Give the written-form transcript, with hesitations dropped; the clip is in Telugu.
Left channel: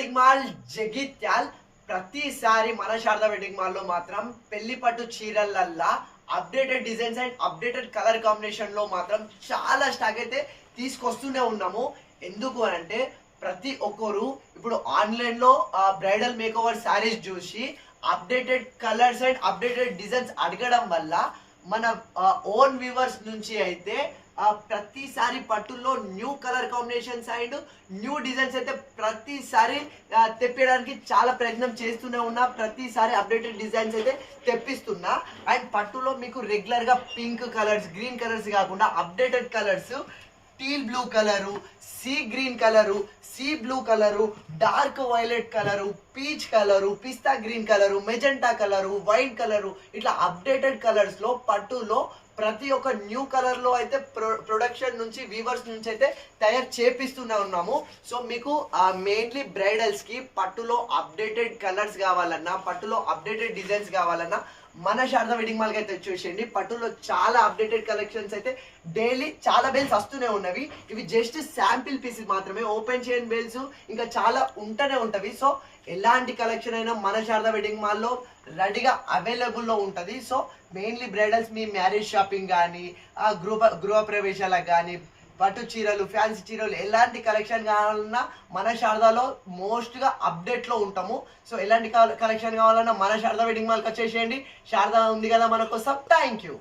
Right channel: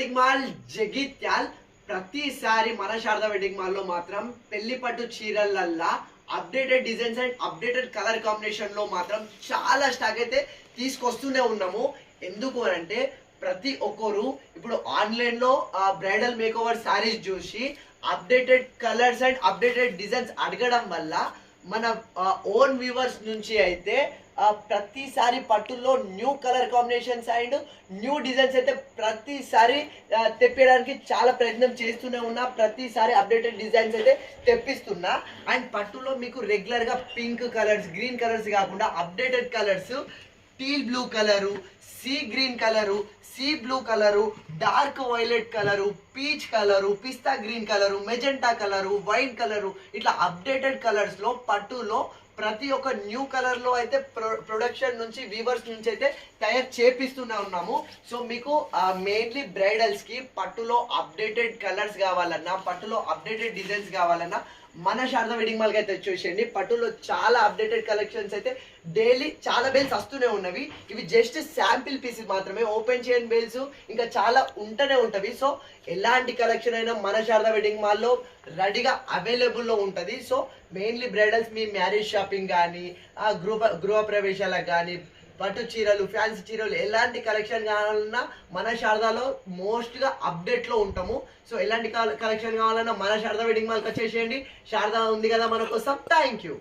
Wedding mall Jagtial. ప్రతిసారి మన శారదా వెడ్డింగ్ మాల్ లో మాత్రం పెళ్లి పట్టు చీరలల్లా updated designs and updated colour combination లో మాత్రం చాలా స్టాక్ అయితే తీసుకొస్తూనే ఉన్నాము. ఎందుకు అని అంటే ప్రతి ఒక్కరు ఇప్పుడు ఆన్లైన్ లో బ్రైడల్ మేకోవర్ శారీస్ చూసి updated colours and updated designs అడగడం వల్ల మన ఓన్ వ్యూవర్స్ నుంచి అయితే ప్రతిసారి పట్టుల్లో new colour combinations and new designs అయితే ప్రతిసారి తెప్పడానికి చాలా ప్రయత్నం చేస్తూనే ఉన్నా. ప్రతిసారి అప్డేటెడ్ డిజైన్స్ అయితే తెప్పిస్తున్నా. అండ్ పట్టులో మీకు రెగ్యులర్ గా పింక్ కలర్స్, గ్రీన్ కలర్స్ కాకుండా updated colours, teal blue colour, sea green colour, sea blue colour, dark violet colour, peach colour, pista green colour, magenta colour, wine colour, ఇట్లా అప్డేటెడ్ కలర్స్ లో పట్టులో ప్రతి ఒక్క న్యూ కలర్ లో అయితే ప్రొడక్షన్ నుంచి వీవర్స్ నుంచి అయితే తయారు చేపిస్తూనే ఉన్నాము. సో మీకు మెయిన్లీ బ్రైడల్స్ కి పట్టులో అప్డేటెడ్ కలర్స్ కావాలన్నా, పట్టులో అప్డేటెడ్ డిజైన్స్ కావాలన్నా మన శారదా వెడ్డింగ్ మాల్ కి అయితే వచ్చేసేయండి. పట్టులో చాలా అప్డేటెడ్ కలెక్షన్స్ అయితే డైలీ చాలా బేల్స్ వస్తూనే ఉన్నవి. ఇవి జస్ట్ శాంపిల్ పీసెస్ మాత్రమే, ఓపెన్ చేయని బేల్స్ ఇంకా చాలా ఉంటూనే ఉంటవి. సో ఎలాంటి కలెక్షన్ అయినా మన శారదా వెడ్డింగ్ మాల్ లో రెడీగా అవైలబుల్ లో ఉంటది. సో మెయిన్లీ బ్రైడల్స్ మీ మ్యారేజ్ షాపింగ్ కానీ, గృహ ప్రవేశాలకు కానీ, పట్టు చీరలు, ఫ్యాన్సీ చీరలు ఎలాంటి కలెక్షన్ కావాలన్నా మన శారదాలో మోస్ట్ గా అప్డేట్ లో ఉంటాము. సో ఎలాంటి కలెక్షన్ కావాలన్నా మన శారదా వెడ్డింగ్ మాల్కి వచ్చేసేయండి. శారదా ఉంది కదా మన కోసం. Thank you.